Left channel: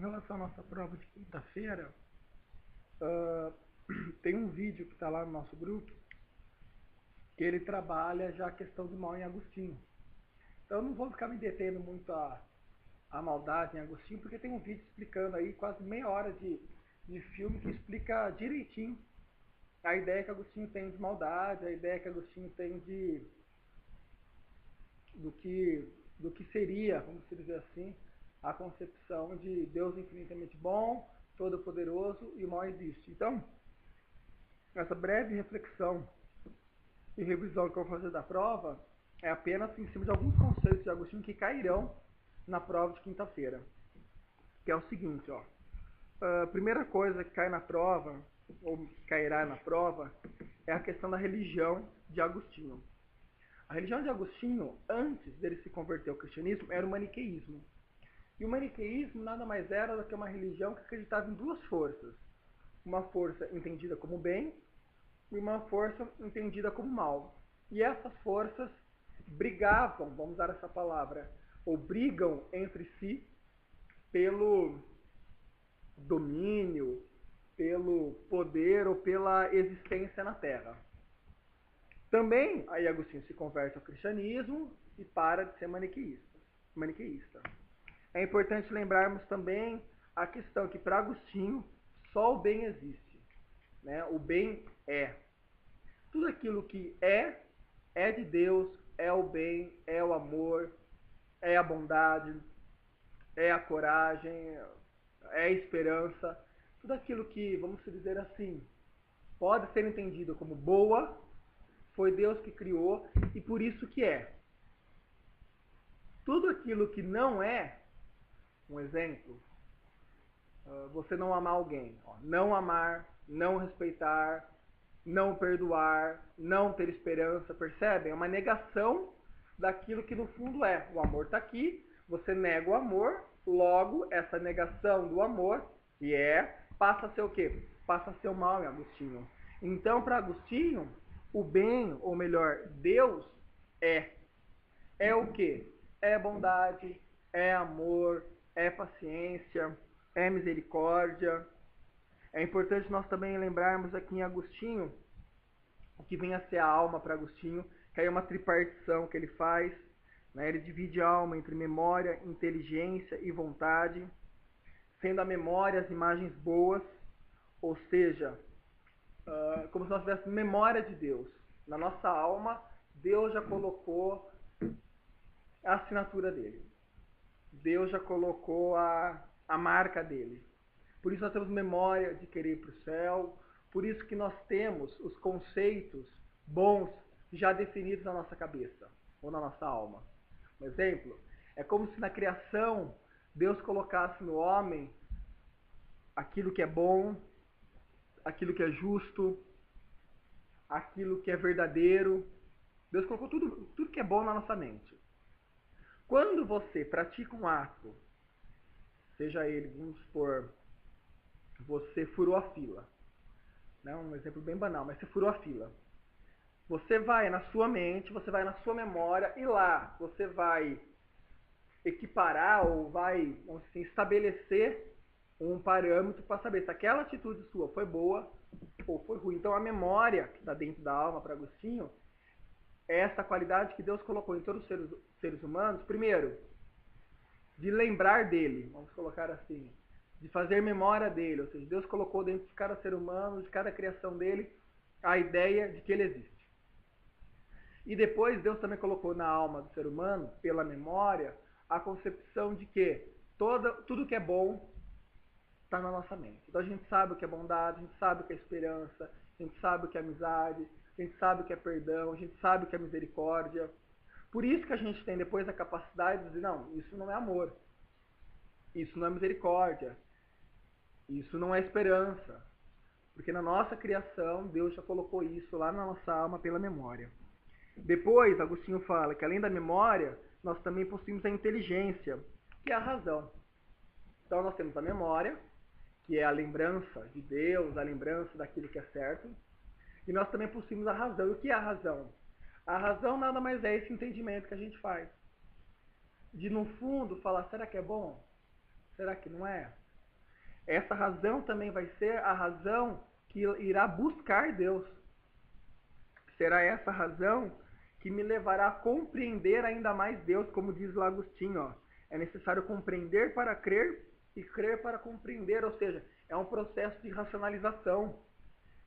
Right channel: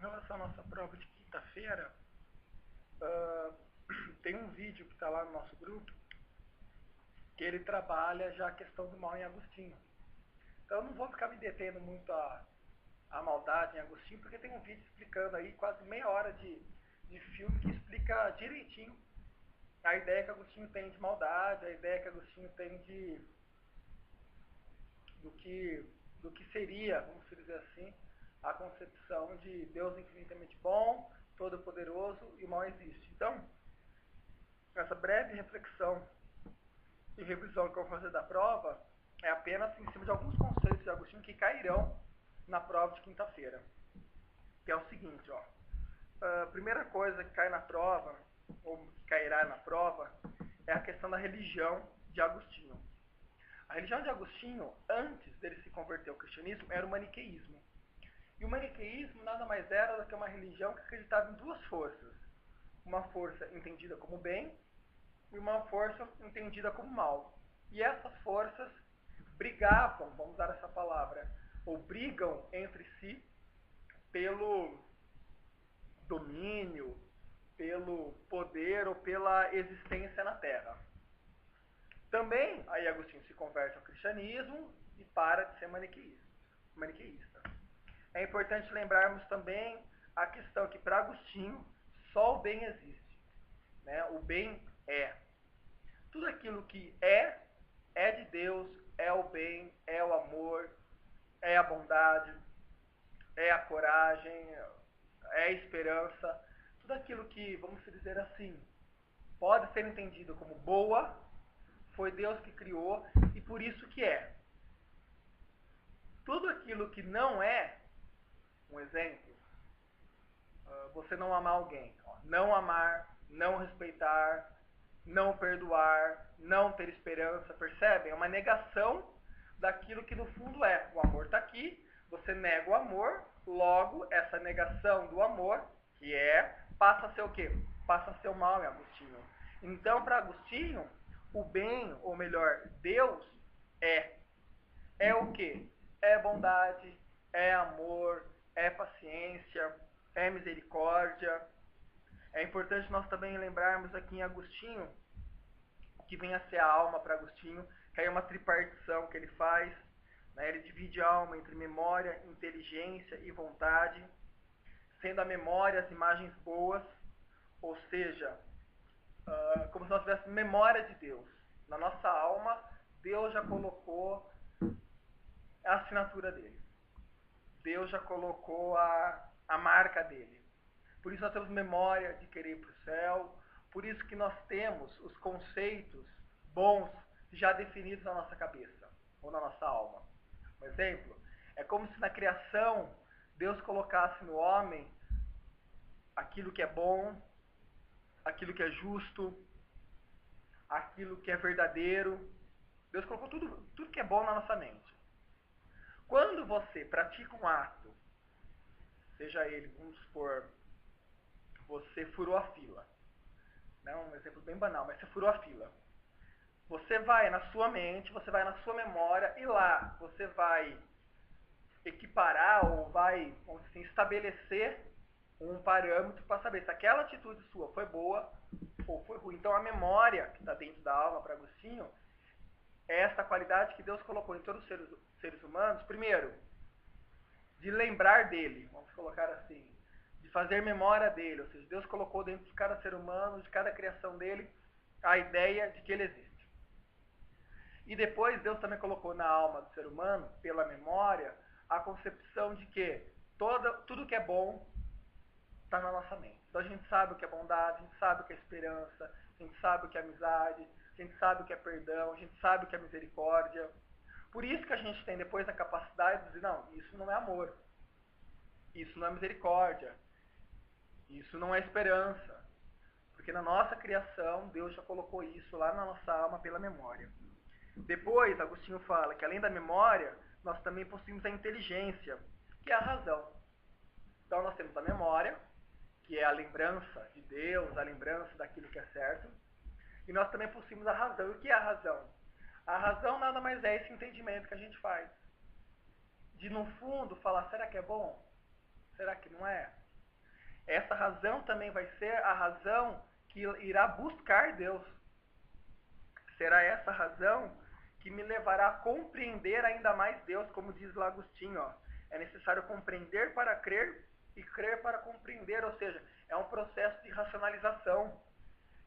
Em relação à nossa prova de quinta-feira, uh, tem um vídeo que está lá no nosso grupo que ele trabalha já a questão do mal em Agostinho. Então eu não vou ficar me detendo muito a maldade em Agostinho, porque tem um vídeo explicando aí quase meia hora de filme que explica direitinho a ideia que Agostinho tem de maldade, a ideia que Agostinho tem do que seria, vamos dizer assim, a concepção de Deus infinitamente bom, todo-poderoso e o mal existe. Então, essa breve reflexão e revisão que eu vou fazer da prova é apenas em cima de alguns conceitos de Agostinho que cairão na prova de quinta-feira. Que é o seguinte, ó. A primeira coisa que cai na prova, ou que cairá na prova, é a questão da religião de Agostinho. A religião de Agostinho, antes dele se converter ao cristianismo, era o maniqueísmo. E o maniqueísmo nada mais era do que uma religião que acreditava em duas forças. Uma força entendida como bem e uma força entendida como mal. E essas forças brigavam, vamos usar essa palavra, ou brigam entre si pelo domínio, pelo poder ou pela existência na Terra. Também, aí Agostinho se converte ao cristianismo e para de ser maniqueísta. É importante lembrarmos também a questão que para Agostinho só o bem existe. Né? O bem é. Tudo aquilo que é de Deus, é o bem, é o amor, é a bondade, é a coragem, é a esperança. Tudo aquilo que, vamos dizer assim, pode ser entendido como boa, foi Deus que criou e por isso que é. Tudo aquilo que não é, um exemplo, você não amar alguém. Não amar, não respeitar, não perdoar, não ter esperança, percebem? É uma negação daquilo que no fundo é. O amor está aqui, você nega o amor, logo essa negação do amor, que passa a ser o quê? Passa a ser o mal em Agostinho. Então, para Agostinho, o bem, ou melhor, Deus é. É o quê? É bondade, é amor, é paciência, é misericórdia. É importante nós também lembrarmos aqui em Agostinho o que vem a ser a alma para Agostinho, que aí é uma tripartição que ele faz. Né? Ele divide a alma entre memória, inteligência e vontade, sendo a memória as imagens boas, ou seja, como se nós tivéssemos memória de Deus. Na nossa alma, Deus já colocou a assinatura dele. Deus já colocou a marca dele. Por isso nós temos memória de querer ir para o céu, por isso que nós temos os conceitos bons já definidos na nossa cabeça, ou na nossa alma. Um exemplo, é como se na criação Deus colocasse no homem aquilo que é bom, aquilo que é justo, aquilo que é verdadeiro. Deus colocou tudo que é bom na nossa mente. Quando você pratica um ato, seja ele, vamos supor, você furou a fila. Não, um exemplo bem banal, mas você furou a fila. Você vai na sua mente, você vai na sua memória e lá você vai equiparar ou vai, vamos dizer assim, estabelecer um parâmetro para saber se aquela atitude sua foi boa ou foi ruim. Então a memória que está dentro da alma para Agostinho é essa qualidade que Deus colocou em todos os seres humanos, primeiro, de lembrar dele, vamos colocar assim, de fazer memória dele, ou seja, Deus colocou dentro de cada ser humano, de cada criação dele, a ideia de que ele existe. E depois Deus também colocou na alma do ser humano, pela memória, a concepção de que tudo que é bom está na nossa mente. Então a gente sabe o que é bondade, a gente sabe o que é esperança, a gente sabe o que é amizade, a gente sabe o que é perdão, a gente sabe o que é misericórdia. Por isso que a gente tem depois a capacidade de dizer, não, isso não é amor, isso não é misericórdia, isso não é esperança. Porque na nossa criação, Deus já colocou isso lá na nossa alma pela memória. Depois, Agostinho fala que além da memória, nós também possuímos a inteligência, que é a razão. Então nós temos a memória, que é a lembrança de Deus, a lembrança daquilo que é certo. E nós também possuímos a razão. E o que é a razão? A razão nada mais é esse entendimento que a gente faz. De, no fundo, falar, será que é bom? Será que não é? essa razão também vai ser a razão que irá buscar Deus. Será essa razão que me levará a compreender ainda mais Deus, como diz lá Agostinho, ó. É necessário compreender para crer e crer para compreender, ou seja, é um processo de racionalização,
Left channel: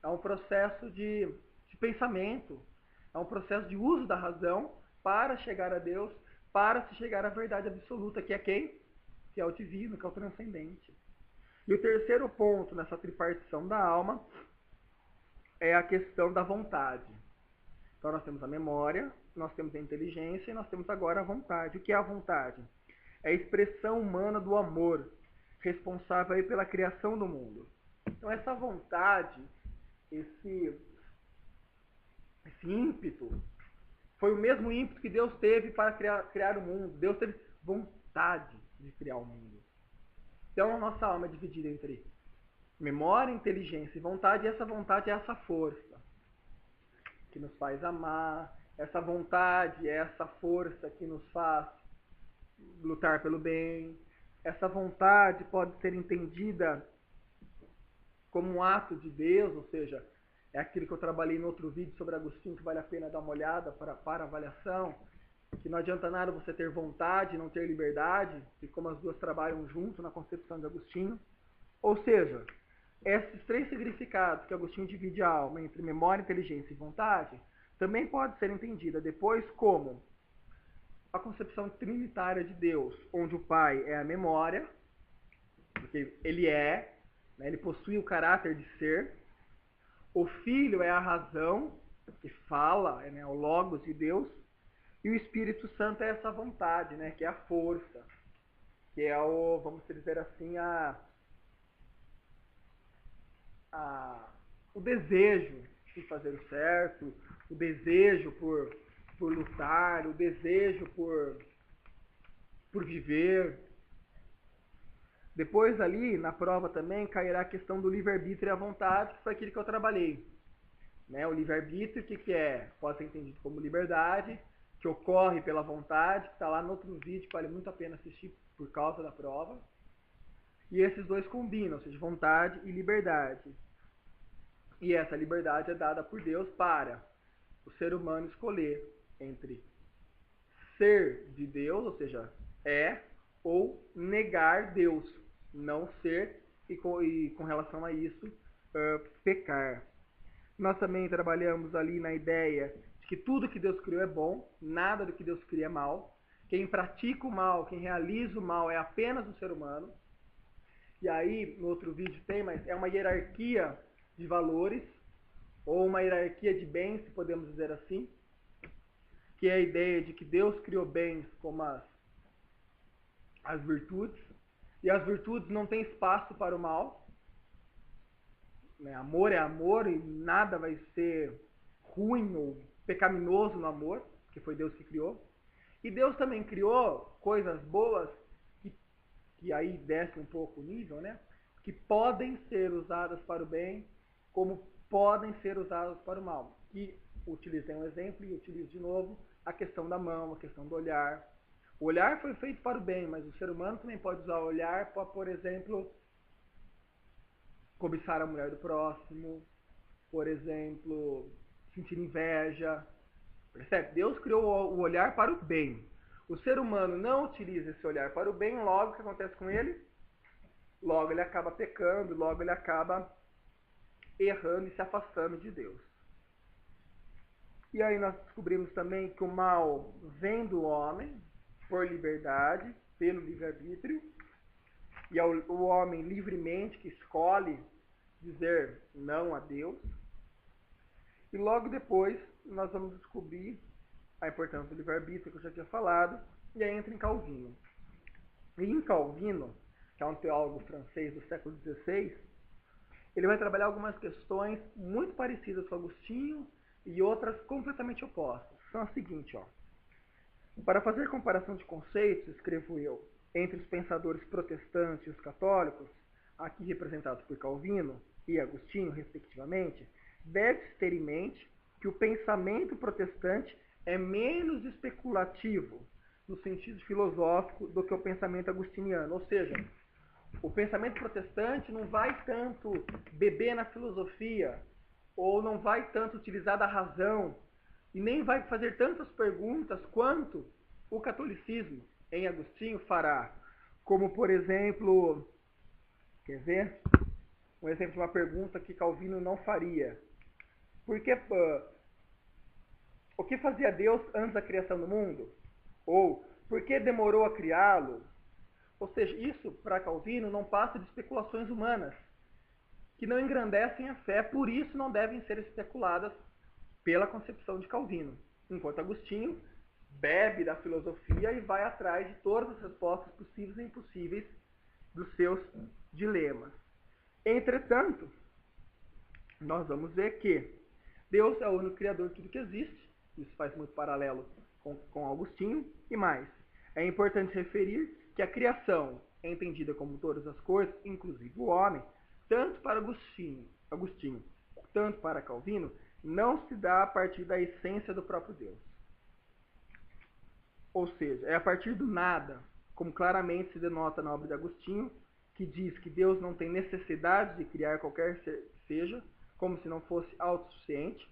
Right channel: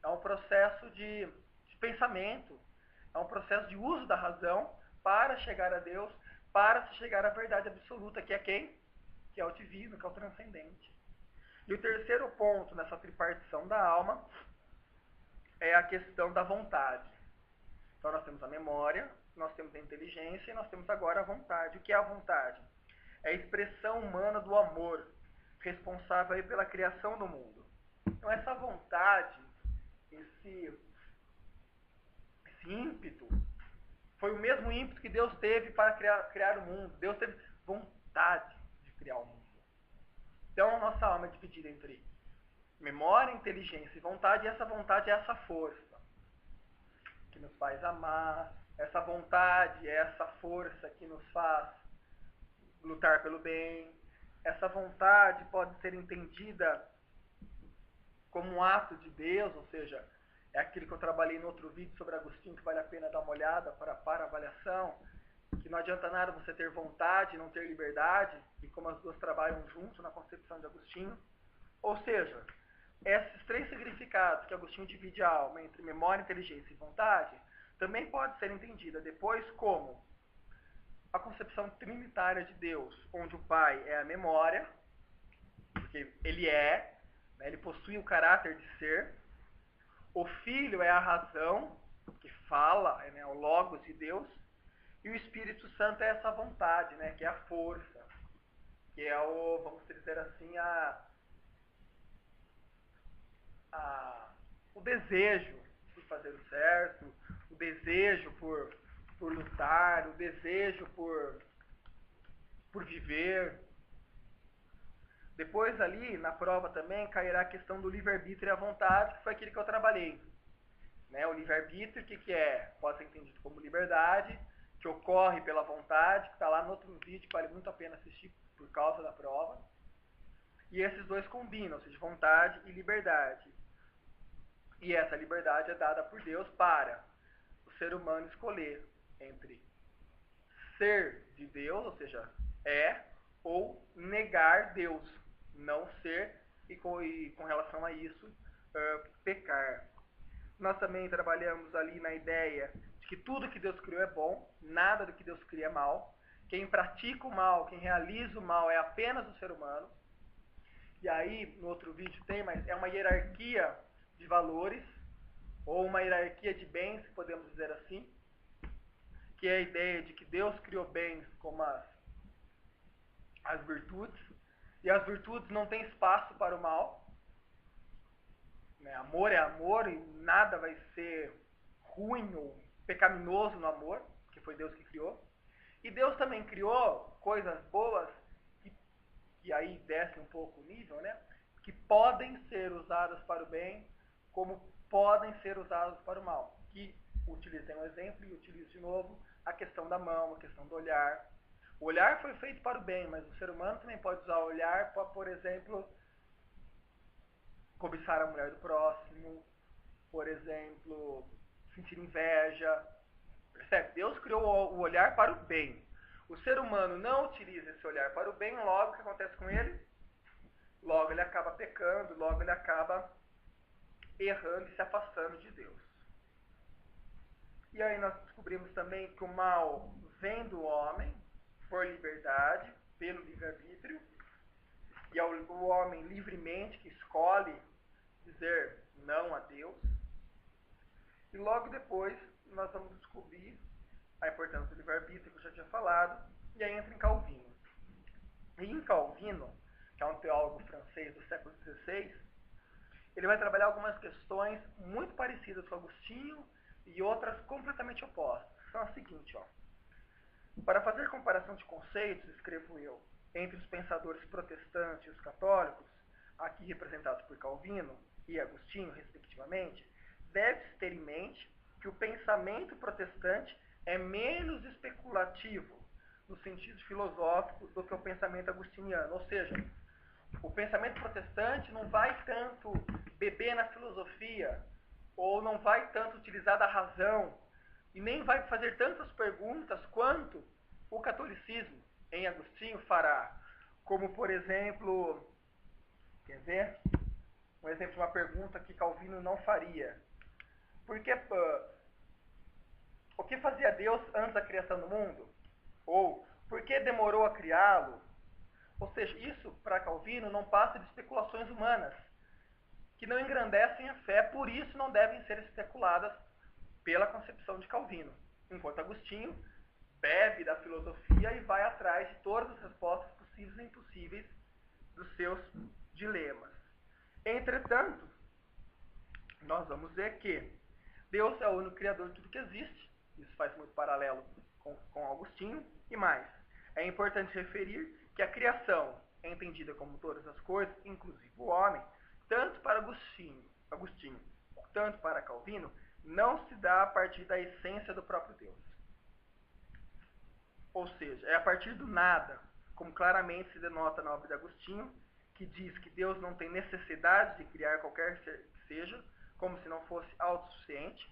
é um processo de pensamento, é um processo de uso da razão para chegar a Deus, para se chegar à verdade absoluta, que é quem? Que é o divino, que é o transcendente. E o terceiro ponto nessa tripartição da alma é a questão da vontade. Então nós temos a memória, nós temos a inteligência e nós temos agora a vontade. O que é a vontade? É a expressão humana do amor, responsável aí pela criação do mundo. Então essa vontade, esse ímpeto, foi o mesmo ímpeto que Deus teve para criar o mundo. Deus teve vontade de criar o mundo. Então a nossa alma é dividida entre memória, inteligência e vontade, e essa vontade é essa força que nos faz amar, essa vontade é essa força que nos faz lutar pelo bem. Essa vontade pode ser entendida como um ato de Deus, ou seja, é aquilo que eu trabalhei no outro vídeo sobre Agostinho, que vale a pena dar uma olhada para avaliação, que não adianta nada você ter vontade e não ter liberdade, e como as duas trabalham junto na concepção de Agostinho. Ou seja, esses três significados que Agostinho divide a alma entre memória, inteligência e vontade, também pode ser entendida depois como a concepção trinitária de Deus, onde o Pai é a memória, porque ele é, né, ele possui o caráter de ser, o Filho é a razão, que fala, né, o Logos de Deus, e o Espírito Santo é essa vontade, né, que é a força, que é o, vamos dizer assim, o desejo por fazer o certo, o desejo por lutar, o desejo por viver. Depois ali, na prova também, cairá a questão do livre-arbítrio e a vontade, que foi aquilo que eu trabalhei. Né? O livre-arbítrio, o que é? Pode ser entendido como liberdade, que ocorre pela vontade, que está lá no outro vídeo, que vale muito a pena assistir por causa da prova. E esses dois combinam, ou seja, vontade e liberdade. E essa liberdade é dada por Deus para o ser humano escolher entre ser de Deus, ou seja, ou negar Deus, não ser e com relação a isso, pecar. Nós também trabalhamos ali na ideia de que tudo que Deus criou é bom, nada do que Deus cria é mal. Quem pratica o mal, quem realiza o mal é apenas o ser humano. E aí, no outro vídeo tem, mas é uma hierarquia de valores, ou uma hierarquia de bens, se podemos dizer assim, que é a ideia de que Deus criou bens como as virtudes, e as virtudes não têm espaço para o mal. Né? Amor é amor e nada vai ser ruim ou pecaminoso no amor, que foi Deus que criou. E Deus também criou coisas boas, que aí desce um pouco o nível, né? Que podem ser usadas para o bem, como podem ser usadas para o mal. Que utilizei um exemplo e utilizo de novo a questão da mão, a questão do olhar. O olhar foi feito para o bem, mas o ser humano também pode usar o olhar para, por exemplo, cobiçar a mulher do próximo, por exemplo, sentir inveja. Percebe? Deus criou o olhar para o bem. O ser humano não utiliza esse olhar para o bem, logo o que acontece com ele? Logo ele acaba pecando, logo ele acaba errando e se afastando de Deus. E aí nós descobrimos também que o mal vem do homem, por liberdade, pelo livre-arbítrio, e é o homem livremente que escolhe dizer não a Deus. E logo depois nós vamos descobrir a importância do livre-arbítrio, que eu já tinha falado, e aí entra em Calvino. E em Calvino, que é um teólogo francês do século XVI, ele vai trabalhar algumas questões muito parecidas com Agostinho e outras completamente opostas. São as seguintes, ó. Para fazer comparação de conceitos, escrevo eu, entre os pensadores protestantes e os católicos, aqui representados por Calvino e Agostinho, respectivamente, deve-se ter em mente que o pensamento protestante é menos especulativo, no sentido filosófico, do que o pensamento agostiniano. Ou seja, O pensamento protestante não vai tanto beber na filosofia, ou não vai tanto utilizar da razão, e nem vai fazer tantas perguntas quanto o catolicismo, em Agostinho, fará. Como, por exemplo, quer ver? Um exemplo de uma pergunta que Calvino não faria. Por que, o que fazia Deus antes da criação do mundo? Ou, por que demorou a criá-lo? Ou seja, isso, para Calvino, não passa de especulações humanas, que não engrandecem a fé, por isso não devem ser especuladas pela concepção de Calvino. Enquanto Agostinho bebe da filosofia e vai atrás de todas as respostas possíveis e impossíveis dos seus dilemas. Entretanto, nós vamos ver que Deus é o único criador de tudo que existe. Isso faz muito paralelo com Agostinho. E mais, é importante referir que a criação é entendida como todas as coisas, inclusive o homem, tanto para Agostinho tanto para Calvino, não se dá a partir da essência do próprio Deus. Ou seja, é a partir do nada, como claramente se denota na obra de Agostinho, que diz que Deus não tem necessidade de criar qualquer ser que seja, como se não fosse autossuficiente,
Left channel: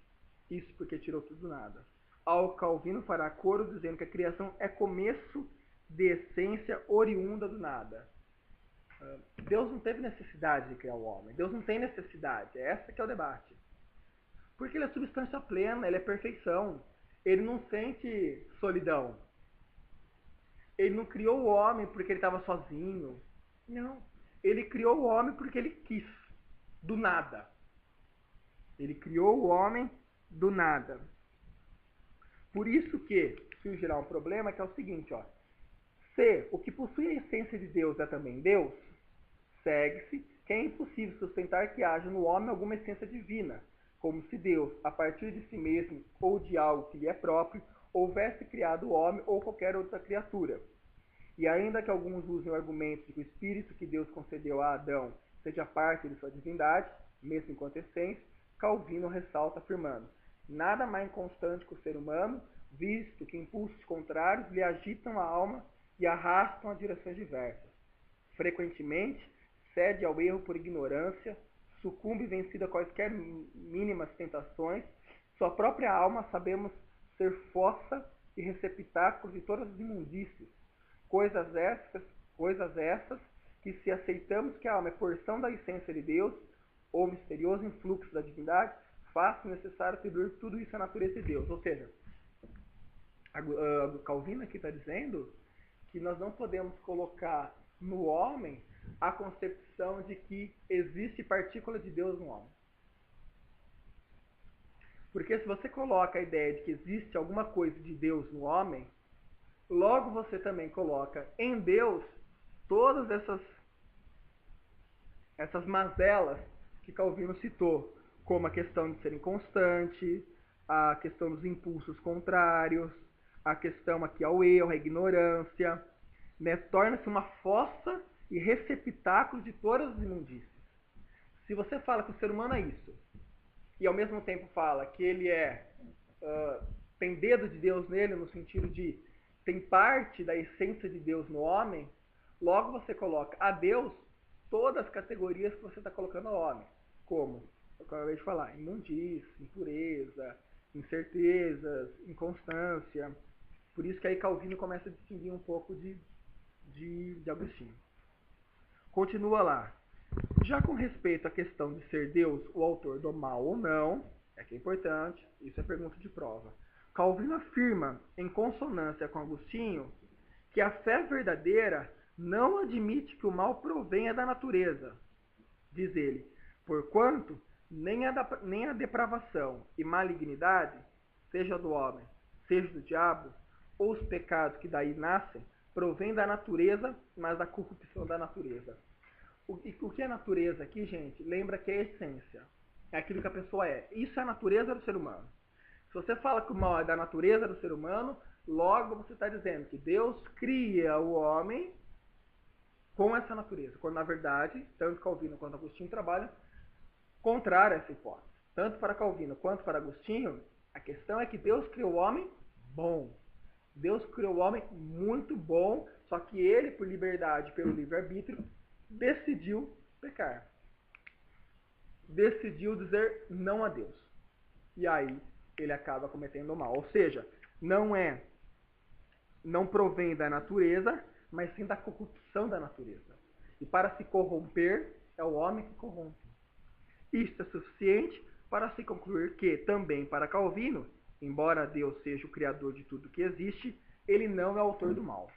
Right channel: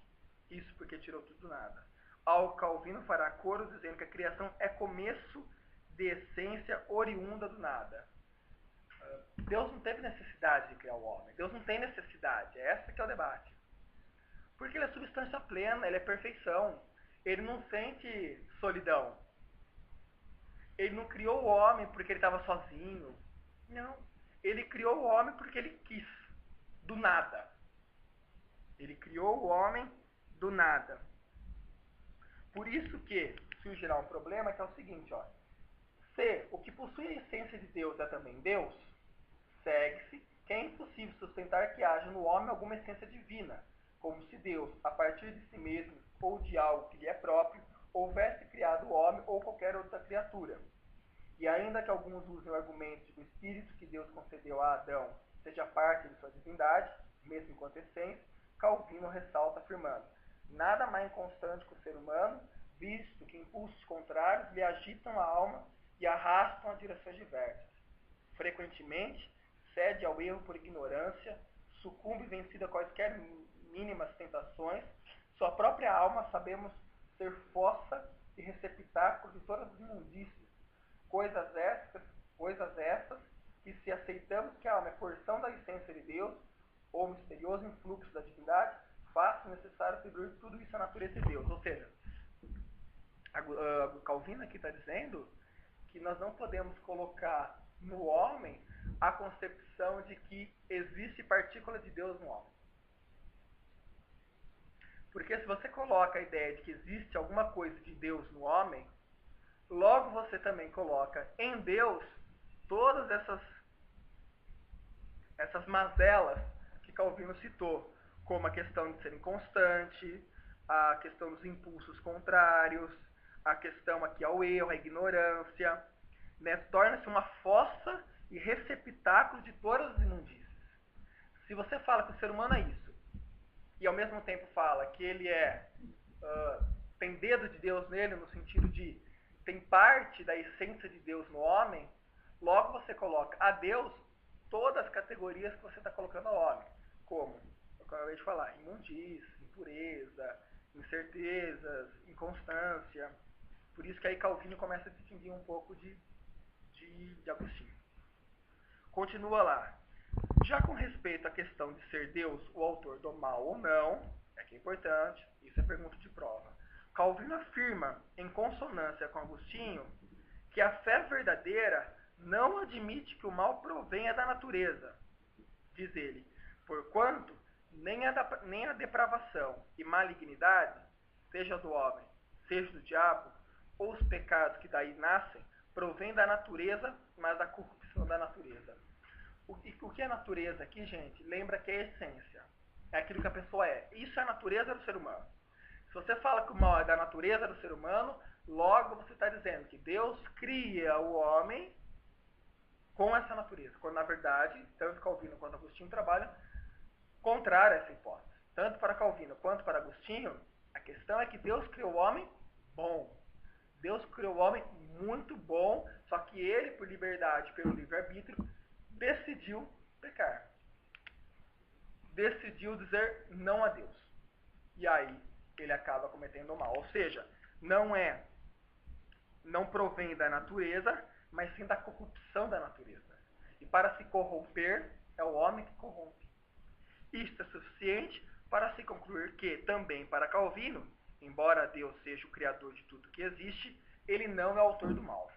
isso porque tirou tudo do nada. Ao Calvino fará coro dizendo que a criação é começo de essência oriunda do nada. Deus não teve necessidade de criar o homem. Deus não tem necessidade. Esse que é o debate. Porque ele é substância plena, ele é perfeição. Ele não sente solidão. Ele não criou o homem porque ele estava sozinho. Não. Ele criou o homem porque ele quis. Do nada. Ele criou o homem do nada. Por isso que surgirá um problema que é o seguinte, ó. Se o que possui a essência de Deus é também Deus, segue-se que é impossível sustentar que haja no homem alguma essência divina, como se Deus, a partir de si mesmo ou de algo que lhe é próprio, houvesse criado o homem ou qualquer outra criatura. E ainda que alguns usem o argumento de que o espírito que Deus concedeu a Adão seja parte de sua divindade, mesmo enquanto essência, Calvino ressalta afirmando: nada mais inconstante que o ser humano, visto que impulsos contrários lhe agitam a alma e arrastam a direções diversas. Frequentemente, cede ao erro por ignorância, sucumbe vencida a quaisquer mínimas tentações, sua própria alma sabemos ser fossa e receptáculo de todas as imundícias. Coisas essas que, se aceitamos que a alma é porção da essência de Deus, ou misterioso influxo da divindade, faz necessário atribuir tudo isso à natureza de Deus. Ou seja, Calvino aqui está dizendo que nós não podemos colocar no homem a concepção de que existe partícula de Deus no homem. Porque se você coloca a ideia de que existe alguma coisa de Deus no homem, logo você também coloca em Deus todas essas mazelas que Calvino citou, como a questão de ser inconstante, a questão dos impulsos contrários, a questão aqui ao erro, à ignorância, né? Torna-se uma fossa e receptáculo de todas as imundícias. Se você fala que o ser humano é isso, e ao mesmo tempo fala que ele tem dedo de Deus nele, no sentido de tem parte da essência de Deus no homem, logo você coloca a Deus todas as categorias que você está colocando ao homem, como eu acabei de falar, imundícia, impureza, incertezas, inconstância. Por isso que aí Calvino começa a distinguir um pouco de Agostinho. Continua lá. Já com respeito à questão de ser Deus o autor do mal ou não, é que é importante, isso é pergunta de prova. Calvino afirma, em consonância com Agostinho, que a fé verdadeira não admite que o mal provenha da natureza, diz ele, porquanto nem a depravação e malignidade, seja do homem, seja do diabo, ou os pecados que daí nascem, provém da natureza, mas da corrupção da natureza. O que é natureza aqui, gente? Lembra que é a essência. É aquilo que a pessoa é. Isso é a natureza do ser humano. Se você fala que o mal é da natureza do ser humano, logo você está dizendo que Deus cria o homem com essa natureza. Quando, na verdade, tanto Calvino quanto Agostinho trabalham contrário a essa hipótese. Tanto para Calvino quanto para Agostinho, a questão é que Deus criou o homem bom. Deus criou o homem muito bom, só que ele, por liberdade, pelo livre-arbítrio, decidiu pecar. Decidiu dizer não a Deus. E aí ele acaba cometendo o mal. Ou seja, não provém da natureza, mas sim da corrupção da natureza. E para se corromper, é o homem que corrompe. Isto é suficiente para se concluir que, também para Calvino, embora Deus seja o criador de tudo que existe, ele não é o autor do mal.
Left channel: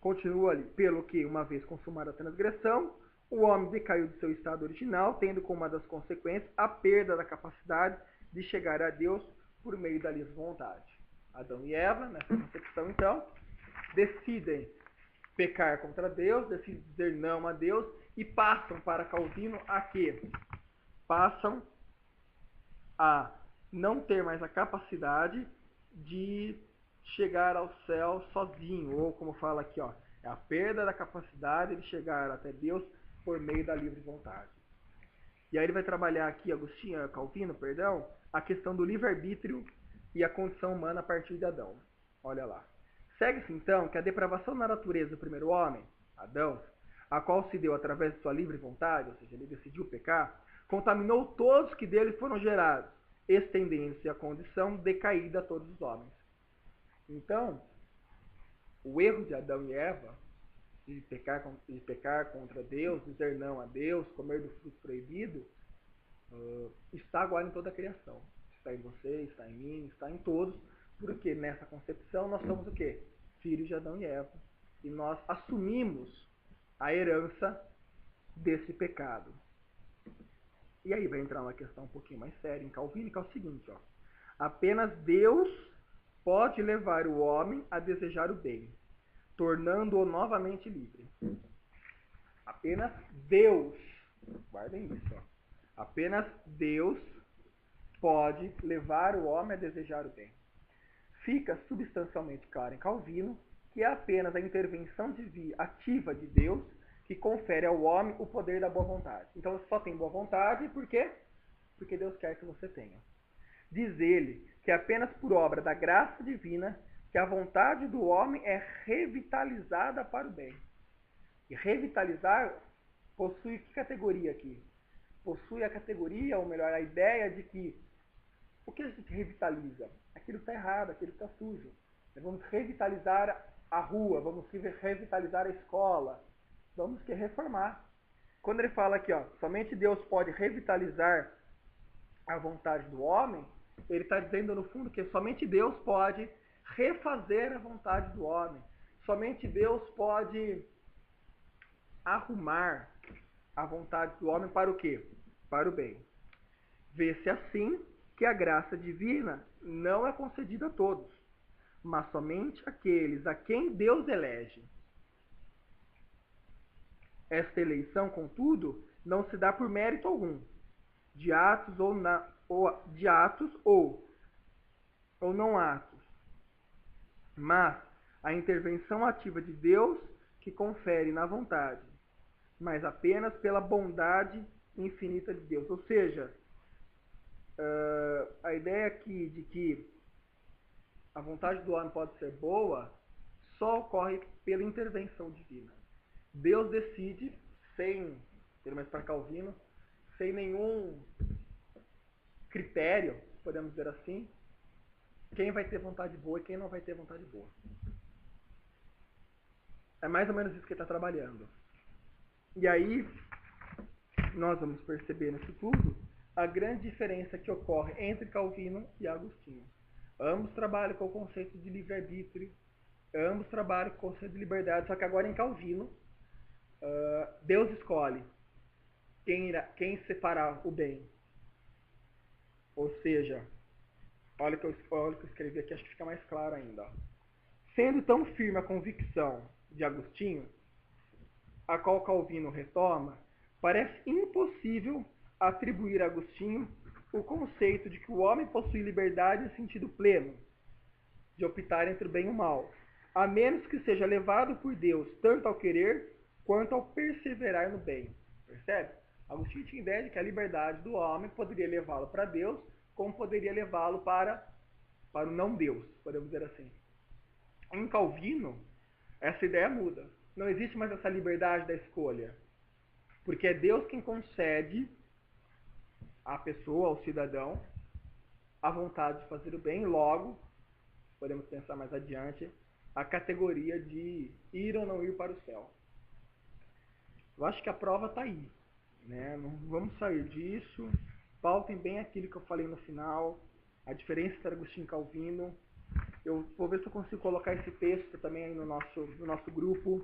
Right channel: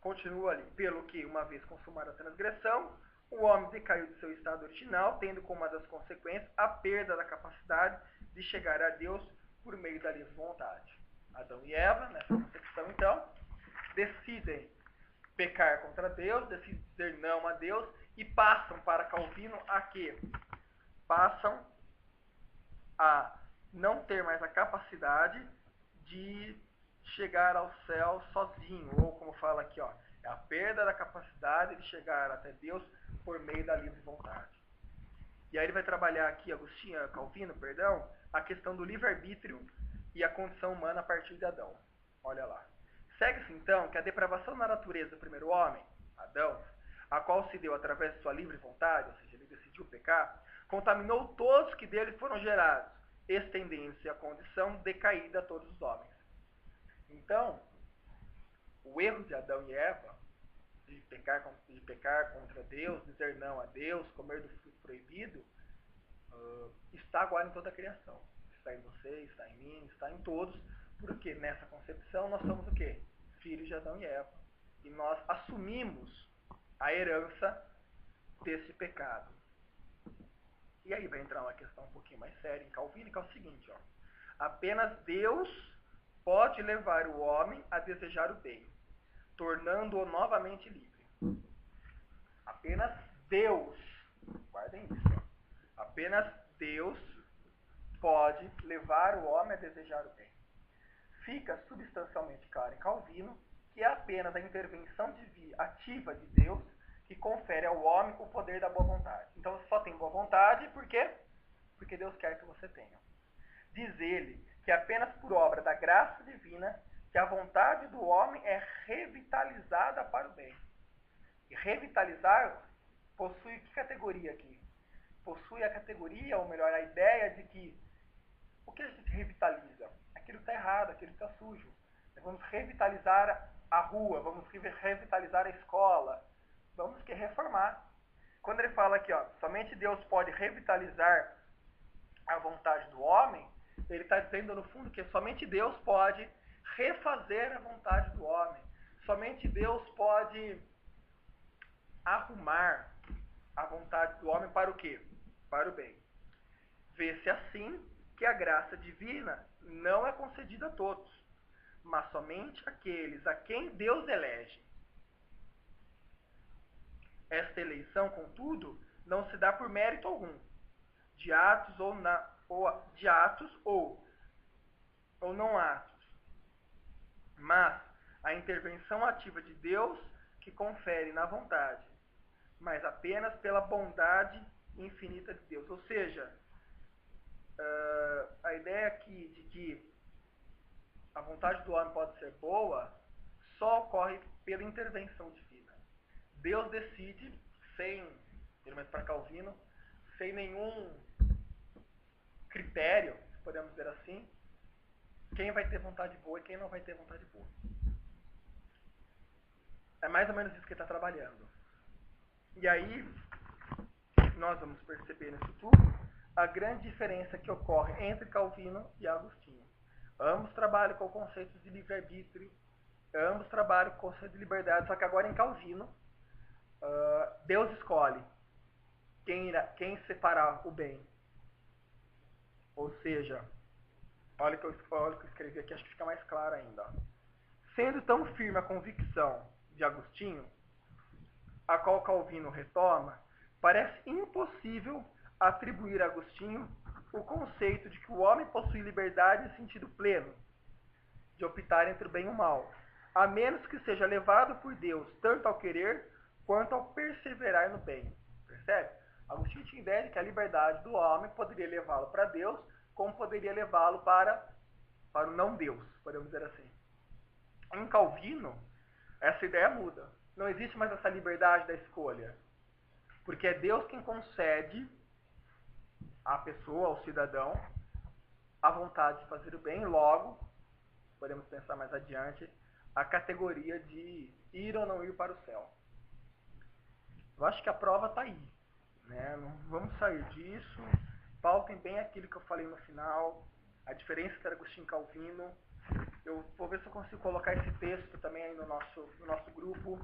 Continua ali, pelo que, uma vez consumada a transgressão, o homem decaiu do seu estado original, tendo como uma das consequências a perda da capacidade de chegar a Deus por meio da livre vontade. Adão e Eva, nessa concepção então, decidem pecar contra Deus, decidem dizer não a Deus e passam para Calvino a quê? Passam a não ter mais a capacidade de chegar ao céu sozinho, ou como fala aqui, ó, é a perda da capacidade de chegar até Deus por meio da livre vontade. E aí ele vai trabalhar aqui, Calvino, a questão do livre-arbítrio e a condição humana a partir de Adão. Olha lá. Segue-se então que a depravação da natureza do primeiro homem, Adão, a qual se deu através de sua livre vontade, ou seja, ele decidiu pecar, contaminou todos que dele foram gerados, estendendo-se a condição decaída a todos os homens. Então, o erro de Adão e Eva, de pecar contra Deus, dizer não a Deus, comer do fruto proibido, está agora em toda a criação. Está em você, está em mim, está em todos, porque nessa concepção nós somos o quê? Filhos de Adão e Eva. E nós assumimos a herança desse pecado. E aí vai entrar uma questão um pouquinho mais séria em Calvino, que é o seguinte, ó. Apenas Deus pode levar o homem a desejar o bem, tornando-o novamente livre. Apenas Deus, guardem isso, ó. Apenas Deus pode levar o homem a desejar o bem. Fica substancialmente claro em Calvino que é apenas a intervenção ativa de Deus que confere ao homem o poder da boa vontade. Então você só tem boa vontade, por quê? Porque Deus quer que você tenha. Diz ele que é apenas por obra da graça divina que a vontade do homem é revitalizada para o bem. E revitalizar possui que categoria aqui? Possui a categoria, ou melhor, a ideia de que o que a gente revitaliza? Aquilo que está errado, aquilo que está sujo. Vamos revitalizar a rua, vamos revitalizar a escola, vamos reformar. Quando ele fala aqui, ó, somente Deus pode revitalizar a vontade do homem, ele está dizendo no fundo que somente Deus pode refazer a vontade do homem. Somente Deus pode arrumar a vontade do homem para o quê? Para o bem. Vê-se assim que a graça divina não é concedida a todos, mas somente àqueles a quem Deus elege. Esta eleição, contudo, não se dá por mérito algum, de atos ou não atos, mas a intervenção ativa de Deus que confere na vontade, mas apenas pela bondade infinita de Deus. Ou seja, a ideia aqui de que a vontade do homem pode ser boa só ocorre pela intervenção divina. Deus decide, pelo menos para Calvino, sem nenhum critério, se podemos dizer assim, quem vai ter vontade boa e quem não vai ter vontade boa. É mais ou menos isso que ele está trabalhando. E aí, nós vamos perceber nisso tudo a grande diferença que ocorre entre Calvino e Agostinho. Ambos trabalham com o conceito de livre-arbítrio, ambos trabalham com o conceito de liberdade, só que agora em Calvino, Deus escolhe quem separar o bem. Ou seja, olha o que eu escrevi aqui, acho que fica mais claro ainda. Ó. Sendo tão firme a convicção de Agostinho, a qual Calvino retoma, parece impossível atribuir a Agostinho o conceito de que o homem possui liberdade em sentido pleno, de optar entre o bem e o mal, a menos que seja levado por Deus tanto ao querer quanto ao perseverar no bem. Percebe? Agostinho tinha ideia de que a liberdade do homem poderia levá-lo para Deus, como poderia levá-lo para o não Deus, podemos dizer assim. Em Calvino, essa ideia muda. Não existe mais essa liberdade da escolha. Porque é Deus quem concede à pessoa, ao cidadão, a vontade de fazer o bem. Logo, podemos pensar mais adiante, a categoria de ir ou não ir para o céu. Eu acho que a prova está aí, né? Não vamos sair disso. Pautem bem aquilo que eu falei no final, a diferença entre Agostinho e Calvino. Eu vou ver se eu consigo colocar esse texto também aí no nosso grupo.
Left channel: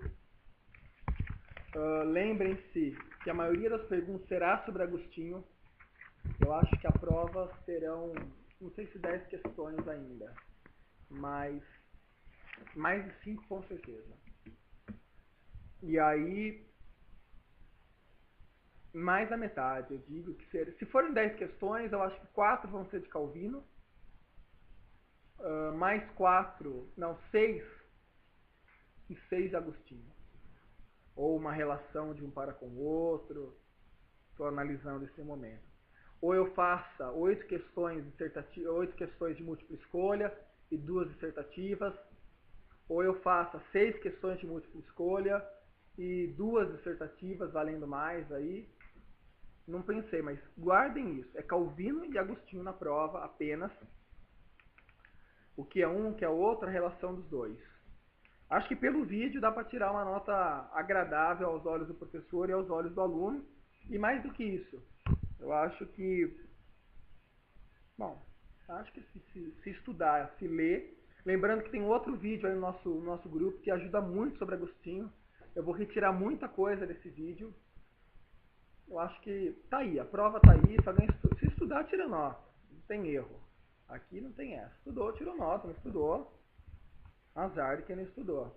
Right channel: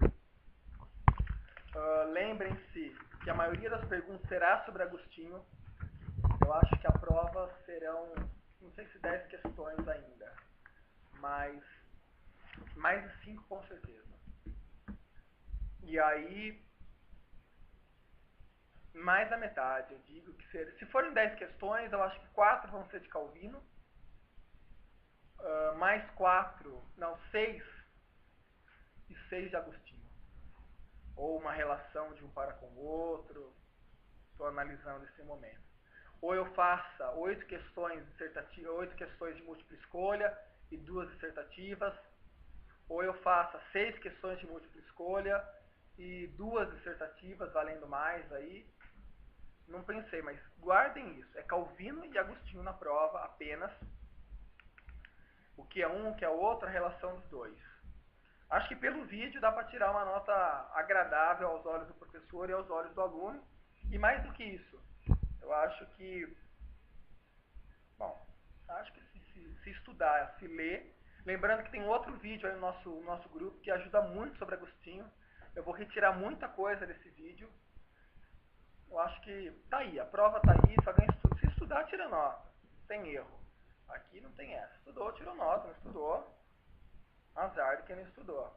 Lembrem-se que a maioria das perguntas será sobre Agostinho. Eu acho que a prova serão, não sei se 10 questões ainda, mas mais de 5 com certeza. E aí, mais da metade, eu digo que se forem 10 questões, eu acho que 4 vão ser de Calvino, mais 4, não, 6 e 6 de Agostinho. Ou uma relação de um para com o outro. Estou analisando esse momento. Ou eu faça 8 questões de múltipla escolha e 2 dissertativas. Ou eu faça 6 questões de múltipla escolha e 2 dissertativas, valendo mais aí. Não pensei, mas guardem isso. É Calvino e Agostinho na prova apenas. O que é um, o que é outro, a relação dos dois. Acho que pelo vídeo dá para tirar uma nota agradável aos olhos do professor e aos olhos do aluno. E mais do que isso, eu acho que, bom, acho que se estudar, se ler, lembrando que tem outro vídeo aí no nosso grupo que ajuda muito sobre Agostinho. Eu vou retirar muita coisa desse vídeo. Eu acho que tá aí, a prova tá aí, se estudar, tira nota, não tem erro. Aqui não tem essa. Estudou, tirou nota, não estudou, azar de quem não estudou.